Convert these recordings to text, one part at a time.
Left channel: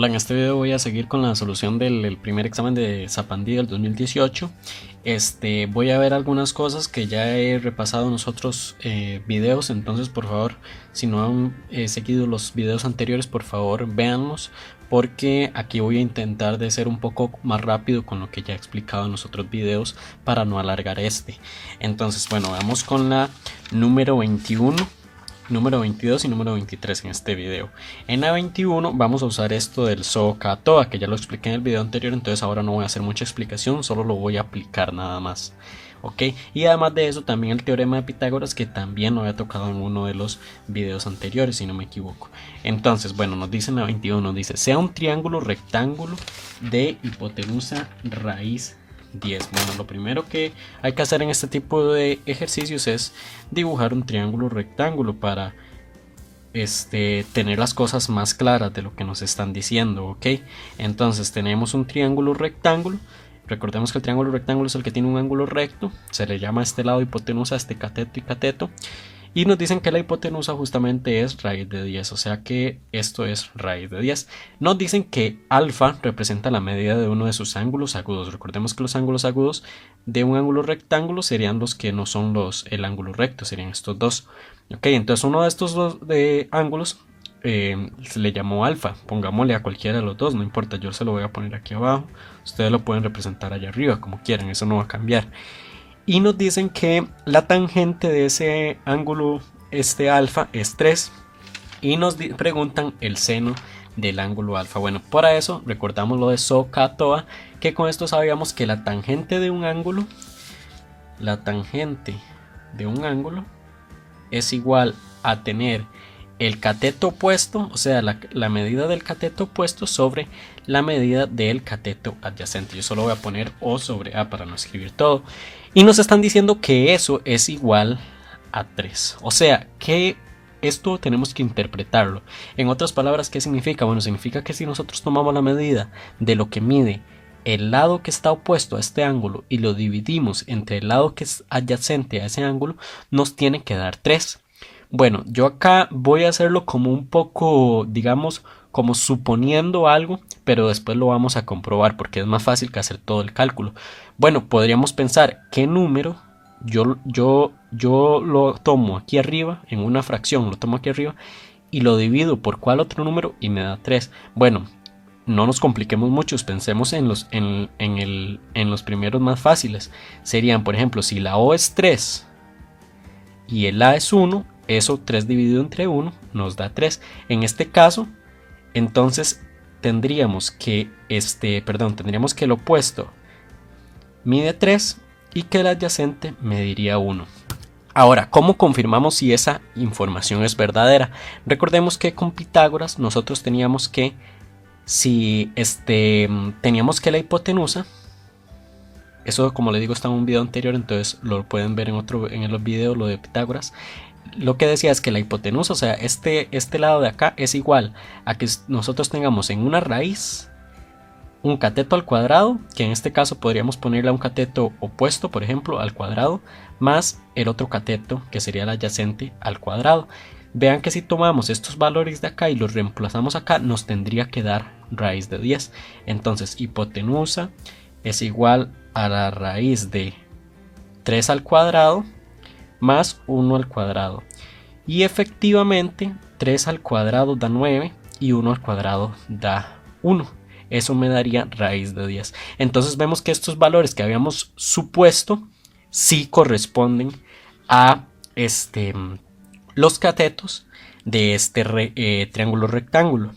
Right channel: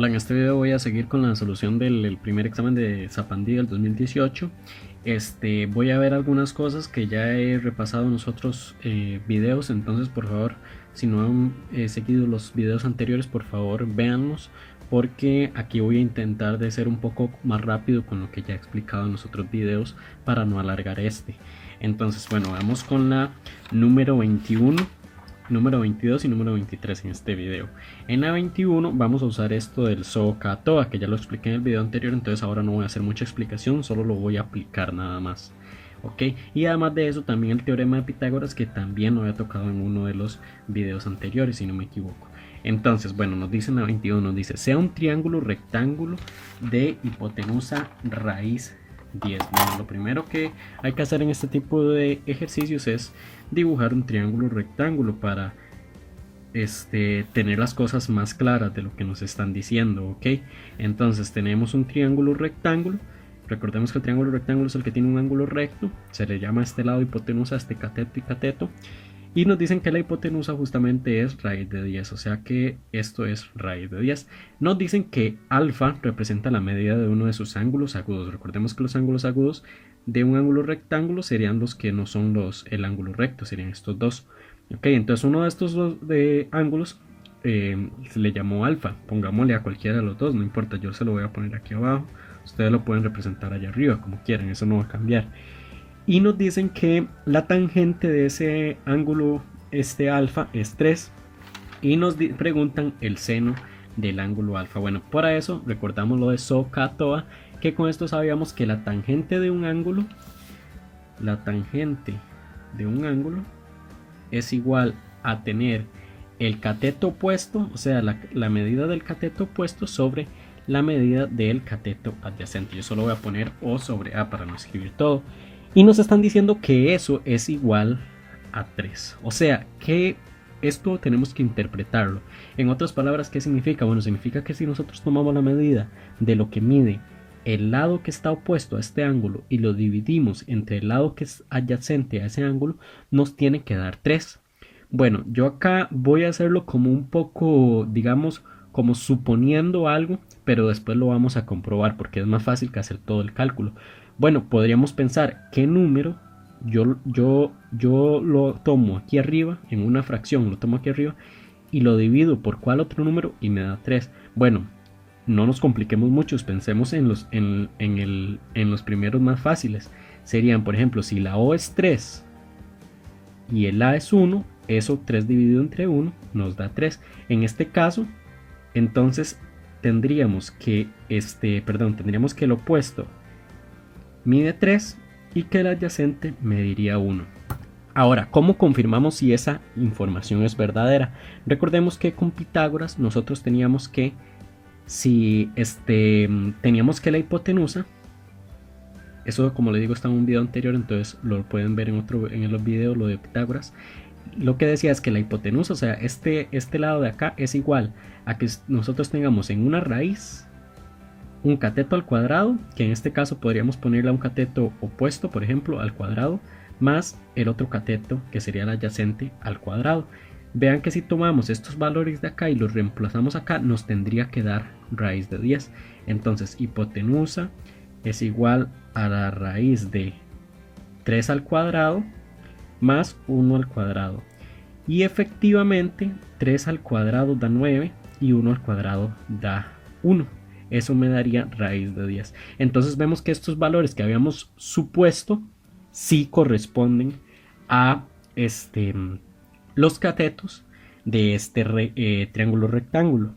Hola, en este video voy a seguir con la solución del primer examen de Zapandí del 2018. Voy a ver algunas cosas que ya he repasado en los otros videos, entonces por favor, si no han seguido los videos anteriores, por favor véanlos, porque aquí voy a intentar de ser un poco más rápido con lo que ya he explicado en los otros videos para no alargar este. Entonces bueno, vamos con la número 21. Número 22 y número 23 en este video. En la 21 vamos a usar esto del SOHCAHTOA, que ya lo expliqué en el video anterior, entonces ahora no voy a hacer mucha explicación, solo lo voy a aplicar nada más. Ok, y además de eso también el teorema de Pitágoras, que también lo había tocado en uno de los videos anteriores, si no me equivoco. Entonces, bueno, nos dice en la 21, nos dice, sea un triángulo rectángulo de hipotenusa raíz 10. Bueno, lo primero que hay que hacer en este tipo de ejercicios es dibujar un triángulo rectángulo para tener las cosas más claras de lo que nos están diciendo, ok. Entonces tenemos un triángulo rectángulo. Recordemos que el triángulo rectángulo es el que tiene un ángulo recto, se le llama a este lado hipotenusa, cateto y cateto, y nos dicen que la hipotenusa justamente es raíz de 10, o sea que esto es raíz de 10. Nos dicen que alfa representa la medida de uno de sus ángulos agudos. Recordemos que los ángulos agudos de un ángulo rectángulo serían los que no son el ángulo recto, serían estos dos. Ok, entonces uno de estos dos ángulos se le llamó alfa. Pongámosle a cualquiera de los dos, no importa, yo se lo voy a poner aquí abajo. Ustedes lo pueden representar allá arriba como quieran, eso no va a cambiar. Y nos dicen que la tangente de ese ángulo alfa es 3 y nos preguntan el seno del ángulo alfa. Bueno, para eso recordamos lo de SOHCAHTOA, que con esto sabíamos que la tangente de un ángulo es igual a tener el cateto opuesto, o sea la medida del cateto opuesto sobre la medida del cateto adyacente. Yo solo voy a poner O sobre A para no escribir todo. Y nos están diciendo que eso es igual a 3. O sea que esto tenemos que interpretarlo. En otras palabras, ¿qué significa? Bueno, significa que si nosotros tomamos la medida de lo que mide el lado que está opuesto a este ángulo y lo dividimos entre el lado que es adyacente a ese ángulo, nos tiene que dar 3. Bueno, yo acá voy a hacerlo como un poco, digamos, como suponiendo algo, pero después lo vamos a comprobar porque es más fácil que hacer todo el cálculo. Bueno, podríamos pensar qué número yo lo tomo aquí arriba, en una fracción lo tomo aquí arriba y lo divido por cuál otro número y me da 3. Bueno, no nos compliquemos mucho, pensemos en los primeros más fáciles. Serían, por ejemplo, si la O es 3 y el A es 1, eso 3 dividido entre 1 nos da 3. En este caso, entonces tendríamos que el opuesto mide 3 y que el adyacente mediría 1. Ahora, ¿cómo confirmamos si esa información es verdadera? Recordemos que con Pitágoras nosotros teníamos que la hipotenusa, eso como le digo está en un video anterior, entonces lo pueden ver en el video, lo de Pitágoras. Lo que decía es que la hipotenusa, o sea, este lado de acá es igual a que nosotros tengamos en una raíz un cateto al cuadrado, que en este caso podríamos ponerle a un cateto opuesto, por ejemplo, al cuadrado, más el otro cateto, que sería el adyacente, al cuadrado. Vean que si tomamos estos valores de acá y los reemplazamos acá, nos tendría que dar raíz de 10. Entonces, hipotenusa es igual a la raíz de 3 al cuadrado más 1 al cuadrado. Y efectivamente, 3 al cuadrado da 9 y 1 al cuadrado da 1. Eso me daría raíz de 10. Entonces vemos que estos valores que habíamos supuesto sí corresponden a los catetos de triángulo rectángulo.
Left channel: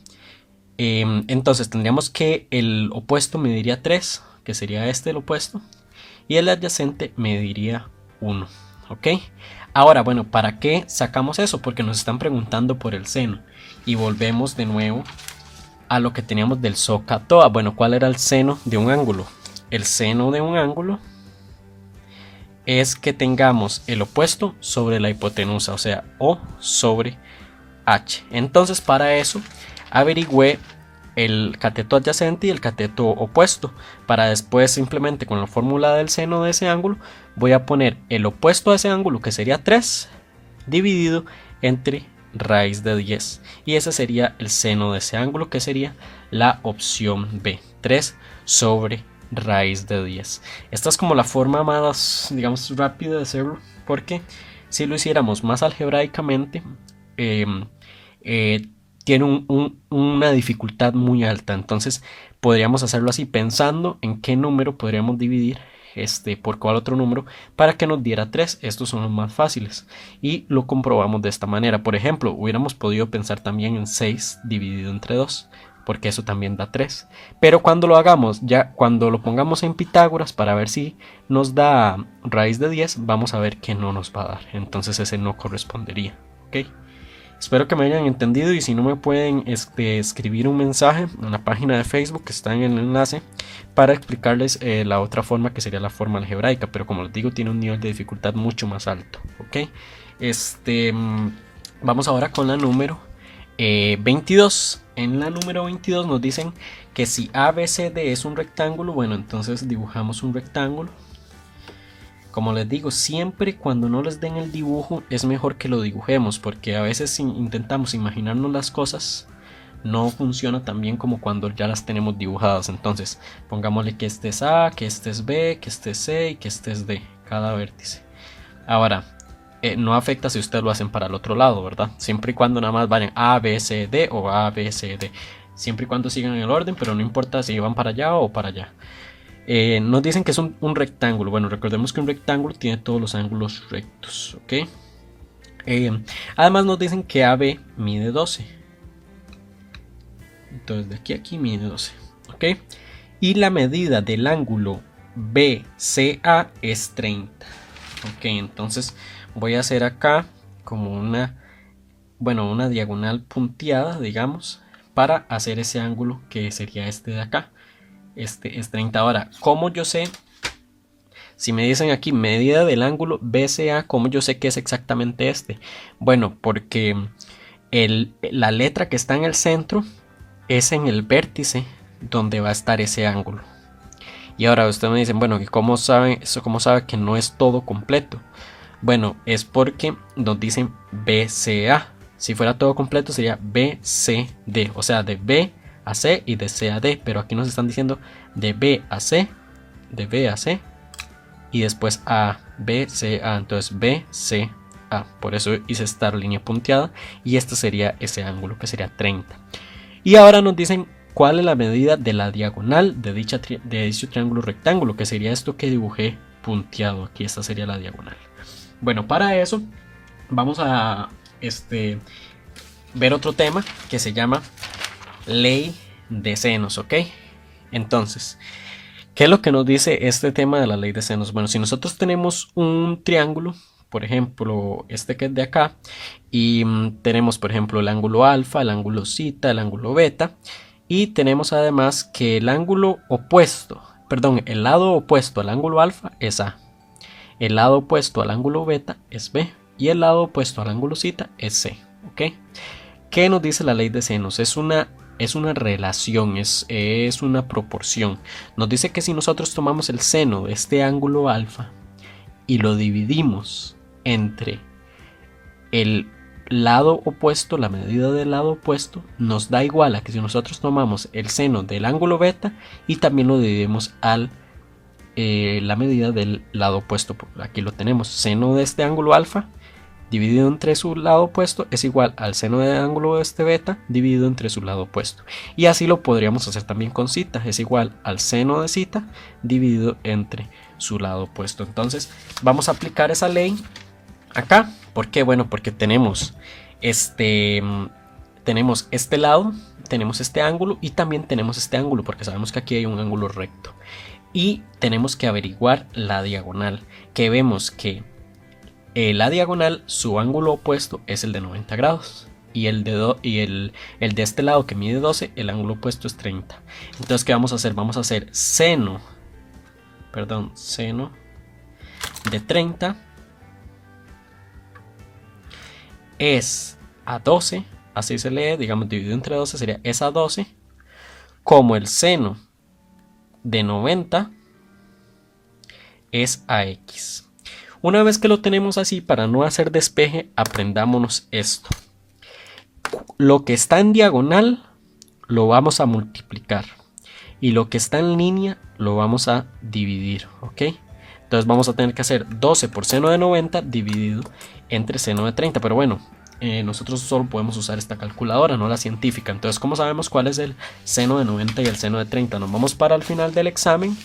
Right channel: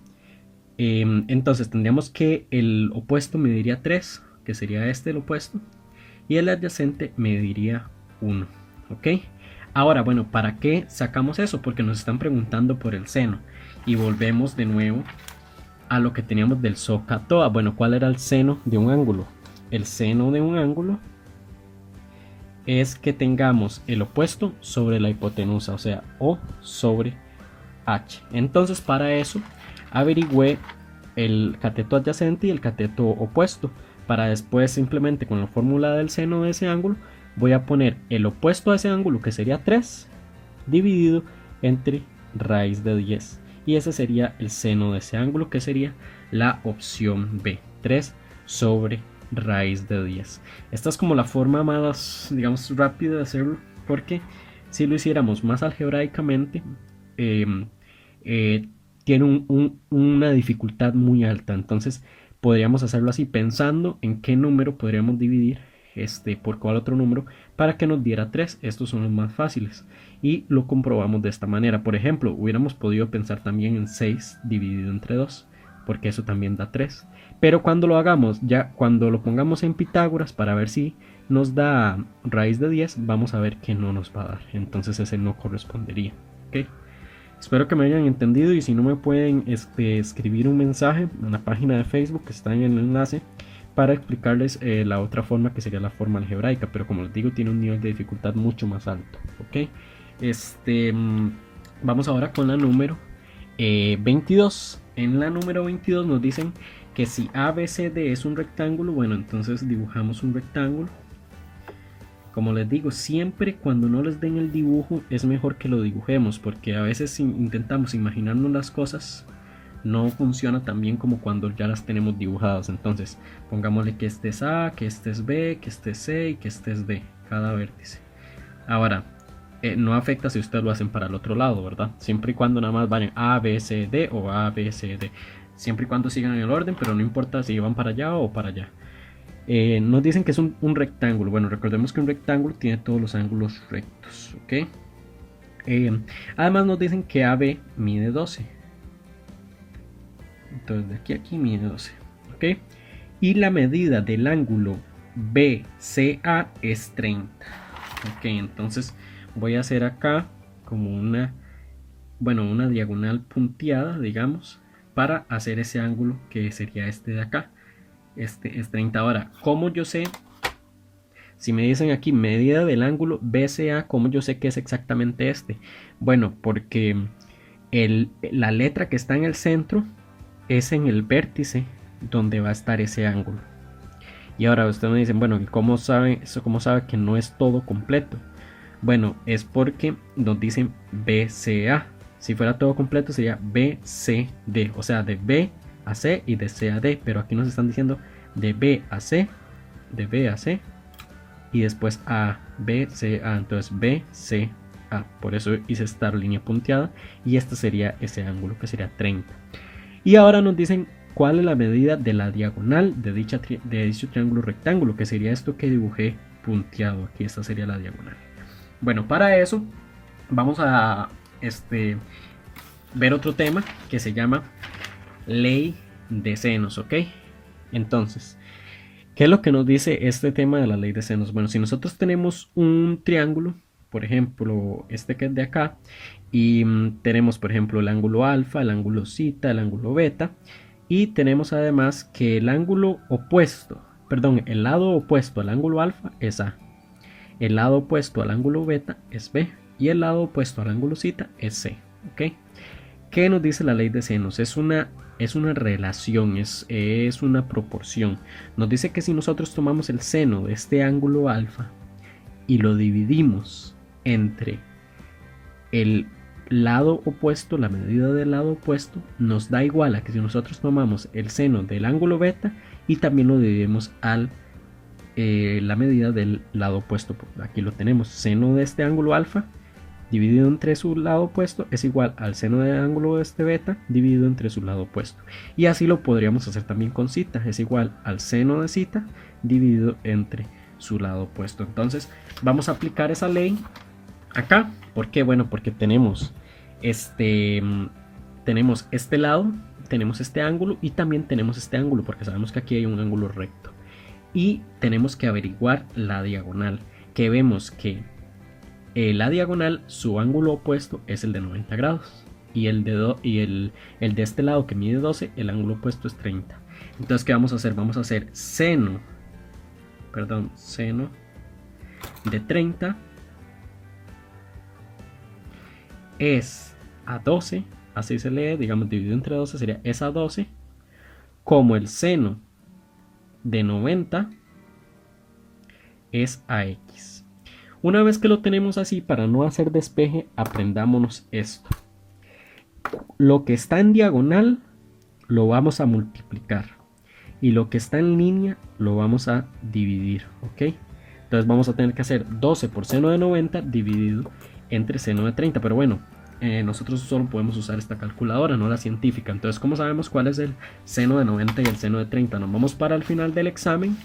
Entonces tendríamos que el opuesto mediría 3, que sería el opuesto, y el adyacente mediría 1. ¿Ok? Ahora, bueno, ¿para qué sacamos eso? Porque nos están preguntando por el seno. Y volvemos de nuevo a lo que teníamos del SOHCAHTOA. Bueno, ¿cuál era el seno de un ángulo? El seno de un ángulo es que tengamos el opuesto sobre la hipotenusa, o sea, O sobre H. Entonces, para eso averigüé el cateto adyacente y el cateto opuesto, para después simplemente con la fórmula del seno de ese ángulo voy a poner el opuesto a ese ángulo, que sería 3, dividido entre raíz de 10, y ese sería el seno de ese ángulo, que sería la opción B, 3 sobre raíz de 10. Esta es como la forma más, digamos, rápida de hacerlo, porque si lo hiciéramos más algebraicamente, tiene una dificultad muy alta. Entonces podríamos hacerlo así, pensando en qué número podríamos dividir por cuál otro número para que nos diera 3. Estos son los más fáciles y lo comprobamos de esta manera. Por ejemplo, hubiéramos podido pensar también en 6 dividido entre 2, porque eso también da 3. Pero cuando lo hagamos, ya cuando lo pongamos en Pitágoras para ver si nos da raíz de 10, vamos a ver que no nos va a dar. Entonces ese no correspondería. ¿Ok? Espero que me hayan entendido, y si no, me pueden escribir un mensaje en la página de Facebook que está en el enlace para explicarles la otra forma, que sería la forma algebraica, pero como les digo, tiene un nivel de dificultad mucho más alto. ¿Ok? Vamos ahora con la número 22. En la número 22 nos dicen que si ABCD es un rectángulo, bueno, entonces dibujamos un rectángulo. Como les digo, siempre cuando no les den el dibujo es mejor que lo dibujemos, porque a veces si intentamos imaginarnos las cosas no funciona tan bien como cuando ya las tenemos dibujadas. Entonces pongámosle que este es A, que este es B, que este es C y que este es D, cada vértice. Ahora, no afecta si ustedes lo hacen para el otro lado, ¿verdad? Siempre y cuando nada más vayan A, B, C, D o A, B, C, D. Siempre y cuando sigan el orden, pero no importa si van para allá o para allá. Nos dicen que es un rectángulo. Bueno, recordemos que un rectángulo tiene todos los ángulos rectos. ¿Ok? Además nos dicen que AB mide 12. Entonces de aquí a aquí mide 12. ¿Ok? Y la medida del ángulo BCA es 30. Ok, entonces voy a hacer acá como una diagonal punteada, digamos, para hacer ese ángulo que sería este de acá. Este es 30. Ahora, ¿cómo yo sé? Si me dicen aquí medida del ángulo BCA, ¿cómo yo sé que es exactamente este? Bueno, porque la letra que está en el centro es en el vértice donde va a estar ese ángulo. Y ahora ustedes me dicen, bueno, ¿cómo sabe que no es todo completo? Bueno, es porque nos dicen BCA. Si fuera todo completo sería BCD, o sea, de B a C y de C a D, pero aquí nos están diciendo de B a C, de B a C y después a B, C, A. Entonces B, C, A. Por eso hice esta línea punteada, y este sería ese ángulo, que sería 30. Y ahora nos dicen cuál es la medida de la diagonal de dicho triángulo rectángulo, que sería esto que dibujé punteado aquí. Esta sería la diagonal. Bueno, para eso vamos a ver otro tema que se llama ley de senos. ¿Ok? Entonces, ¿qué es lo que nos dice este tema de la ley de senos? Bueno, si nosotros tenemos un triángulo, por ejemplo, este que es de acá, y tenemos, por ejemplo, el ángulo alfa, el ángulo zeta, el ángulo beta, y tenemos además que el ángulo opuesto, el lado opuesto al ángulo alfa es A, el lado opuesto al ángulo beta es B, y el lado opuesto al ángulo zeta es C. ¿Ok? ¿Qué nos dice la ley de senos? Es una relación, es una proporción. Nos dice que si nosotros tomamos el seno de este ángulo alfa y lo dividimos entre el lado opuesto, la medida del lado opuesto, nos da igual a que si nosotros tomamos el seno del ángulo beta y también lo dividimos al la medida del lado opuesto. Aquí lo tenemos, seno de este ángulo alfa dividido entre su lado opuesto es igual al seno del ángulo de este beta dividido entre su lado opuesto. Y así lo podríamos hacer también con zeta, es igual al seno de zeta dividido entre su lado opuesto. Entonces vamos a aplicar esa ley acá. ¿Por qué? Bueno, porque tenemos este lado, tenemos este ángulo y también tenemos este ángulo, porque sabemos que aquí hay un ángulo recto. Y tenemos que averiguar la diagonal, que vemos que la diagonal, su ángulo opuesto es el de 90 grados. Y el de este lado, que mide 12, el ángulo opuesto es 30. Entonces, ¿qué vamos a hacer? Vamos a hacer seno de 30 es a 12, así se lee, digamos, dividido entre 12 sería es a 12, como el seno de 90 es a x. Una vez que lo tenemos así, para no hacer despeje, aprendámonos esto. Lo que está en diagonal lo vamos a multiplicar y lo que está en línea lo vamos a dividir, ¿ok? Entonces vamos a tener que hacer 12 por seno de 90 dividido entre seno de 30, pero bueno, nosotros solo podemos usar esta calculadora, no la científica. Entonces, ¿cómo sabemos cuál es el seno de 90 y el seno de 30? Nos vamos para el final del examen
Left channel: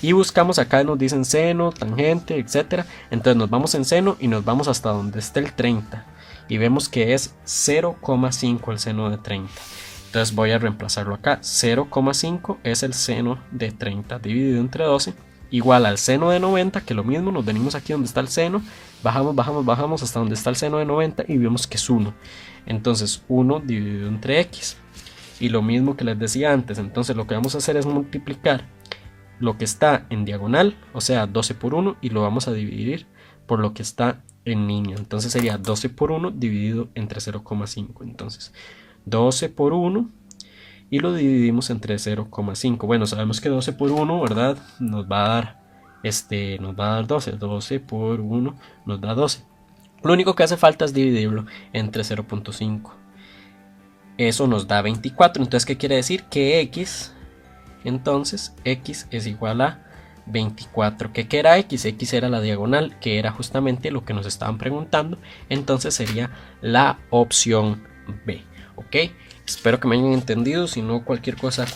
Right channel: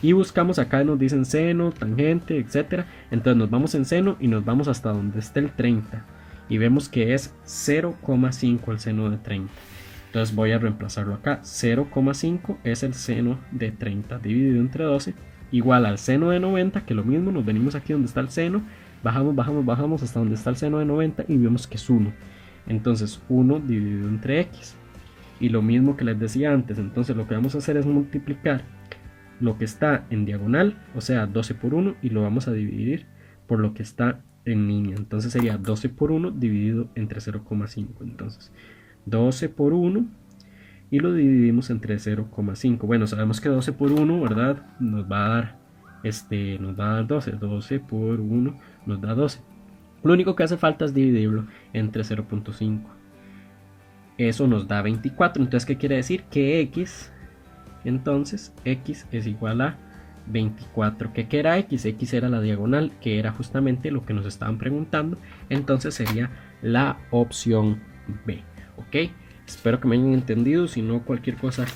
y buscamos, acá nos dicen seno, tangente, etcétera. Entonces nos vamos en seno y nos vamos hasta donde esté el 30 y vemos que es 0,5 el seno de 30. Entonces voy a reemplazarlo acá. 0,5 es el seno de 30 dividido entre 12 igual al seno de 90, que lo mismo, nos venimos aquí donde está el seno, bajamos hasta donde está el seno de 90 y vemos que es 1. Entonces 1 dividido entre x. Y lo mismo que les decía antes, entonces lo que vamos a hacer es multiplicar lo que está en diagonal, o sea 12 por 1, y lo vamos a dividir por lo que está en línea. Entonces sería 12 por 1 dividido entre 0,5. Entonces 12 por 1 y lo dividimos entre 0,5. Bueno, sabemos que 12 por 1, ¿verdad? Nos va a dar 12. 12 por 1 nos da 12. Lo único que hace falta es dividirlo entre 0,5. Eso nos da 24. Entonces, ¿qué quiere decir? Que x, entonces, x es igual a 24. ¿Qué era x? X era la diagonal, que era justamente lo que nos estaban preguntando. Entonces sería la opción B. ¿Ok? Espero que me hayan entendido. Si no, cualquier cosa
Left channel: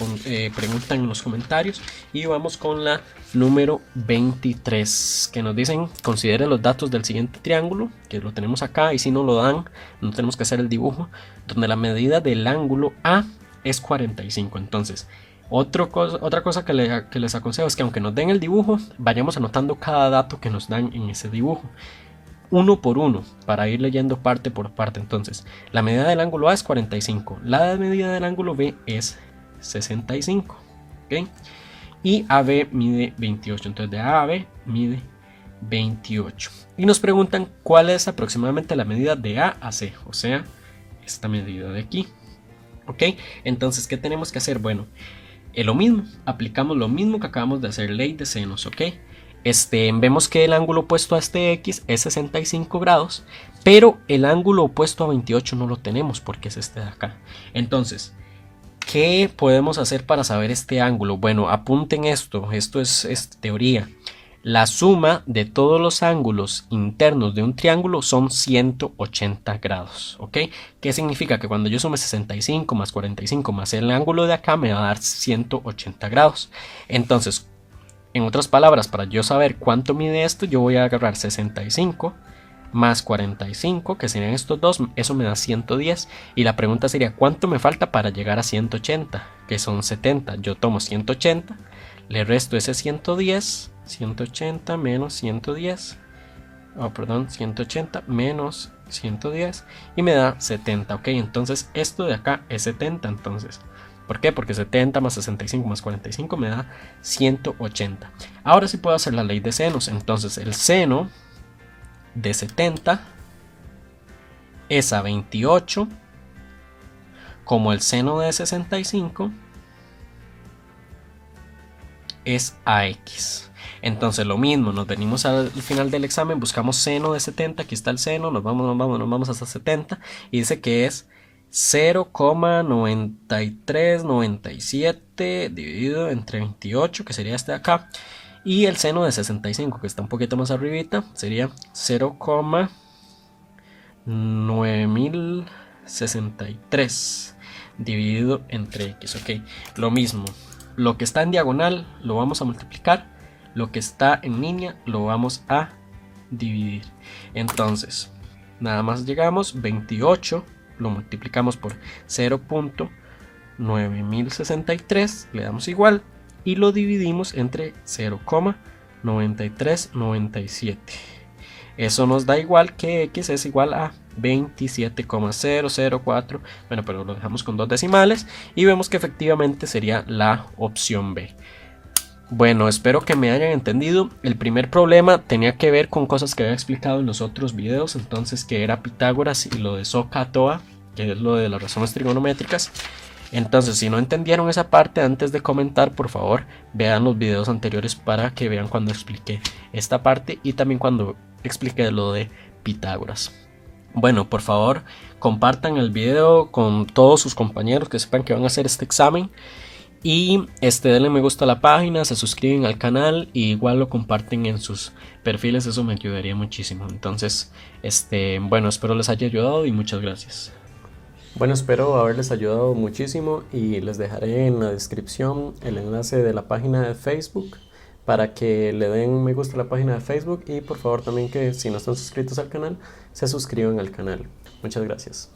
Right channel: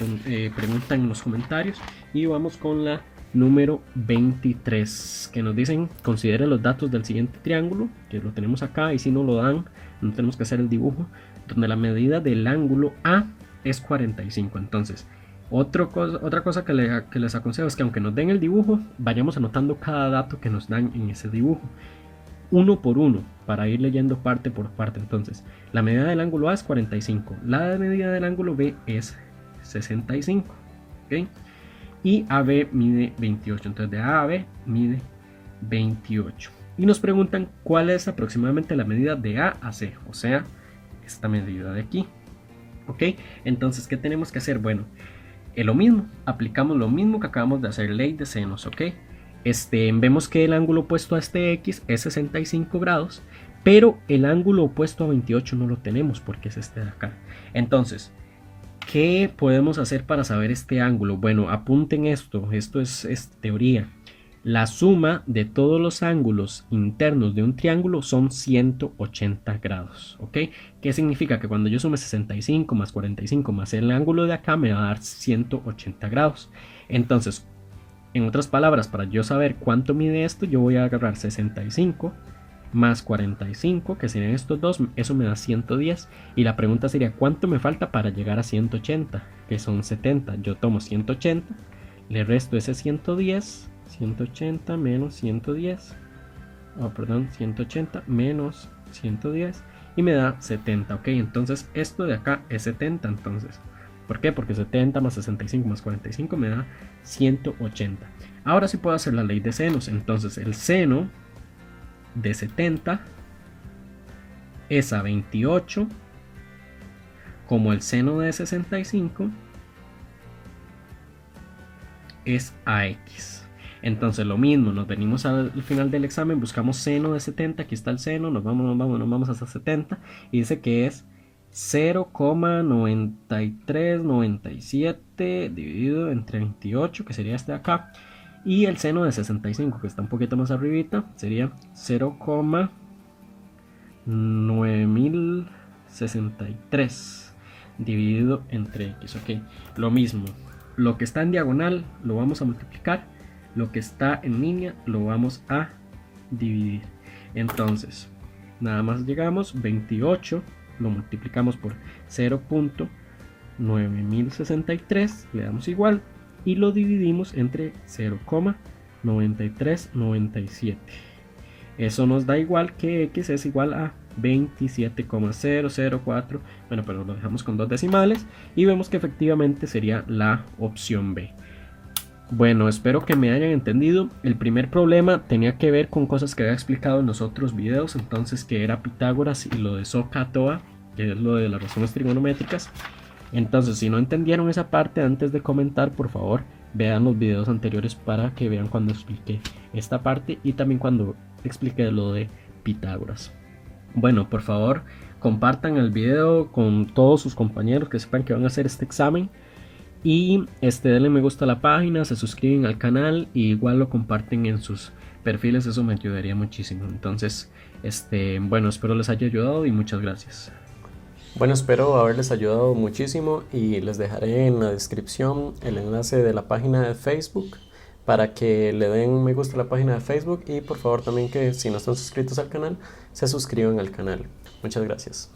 preguntan en los comentarios. Y vamos con la número 23, que nos dicen: considere los datos del siguiente triángulo, que lo tenemos acá, y si no lo dan, no tenemos que hacer el dibujo, donde la medida del ángulo A es 45. Entonces, otra cosa que les aconsejo es que aunque nos den el dibujo, vayamos anotando cada dato que nos dan en ese dibujo, uno por uno, para ir leyendo parte por parte. Entonces, la medida del ángulo A es 45, la medida del ángulo B es 65, ¿ok? Y AB mide 28, entonces de A a B mide 28. Y nos preguntan cuál es aproximadamente la medida de A a C, o sea, esta medida de aquí, ¿ok? Entonces, ¿qué tenemos que hacer? Bueno, lo mismo, aplicamos lo mismo que acabamos de hacer, ley de senos, ¿ok? Vemos que el ángulo opuesto a este X es 65 grados, pero el ángulo opuesto a 28 no lo tenemos porque es este de acá. Entonces, ¿qué podemos hacer para saber este ángulo? Bueno, apunten esto es teoría. La suma de todos los ángulos internos de un triángulo son 180 grados, ¿ok? ¿Qué significa? Que cuando yo sume 65 más 45 más el ángulo de acá me va a dar 180 grados. Entonces, en otras palabras, para yo saber cuánto mide esto, yo voy a agarrar 65 más 45, que serían estos dos, eso me da 110. Y la pregunta sería: ¿cuánto me falta para llegar a 180? Que son 70. Yo tomo 180, le resto ese 110, 180 menos 110, 180 menos 110, y me da 70, ok. Entonces esto de acá es 70, entonces, ¿por qué? Porque 70 más 65 más 45 me da 180. Ahora sí puedo hacer la ley de senos. Entonces el seno de 70 es a 28, como el seno de 65 es a x. Entonces lo mismo, nos venimos al final del examen, buscamos seno de 70, aquí está el seno, nos vamos hasta 70 y dice que es 0,9397 dividido entre 28, que sería este de acá, y el seno de 65, que está un poquito más arribita, sería 0,9063 dividido entre x, ok. Lo mismo, lo que está en diagonal lo vamos a multiplicar, lo que está en línea lo vamos a dividir. Entonces, nada más llegamos, 28 lo multiplicamos por 0,9063, le damos igual y lo dividimos entre 0,9397. Eso nos da igual que x es igual a 27,004. Bueno, pero lo dejamos con dos decimales y vemos que efectivamente sería la opción B. Bueno, espero que me hayan entendido. El primer problema tenía que ver con cosas que había explicado en los otros videos, entonces, que era Pitágoras y lo de SOHCAHTOA, que es lo de las razones trigonométricas. Entonces, si no entendieron esa parte, antes de comentar, por favor, vean los videos anteriores para que vean cuando expliqué esta parte y también cuando expliqué lo de Pitágoras. Bueno, por favor, compartan el video con todos sus compañeros que sepan que van a hacer este examen. Y denle me gusta a la página, se suscriben al canal y igual lo comparten en sus perfiles, eso me ayudaría muchísimo. Entonces, bueno, espero les haya ayudado y muchas gracias. Bueno, espero haberles ayudado muchísimo y les dejaré en la descripción el enlace de la página de Facebook para que le den me gusta a la página de Facebook y por favor también que si no están suscritos al canal, se suscriban al canal. Muchas gracias.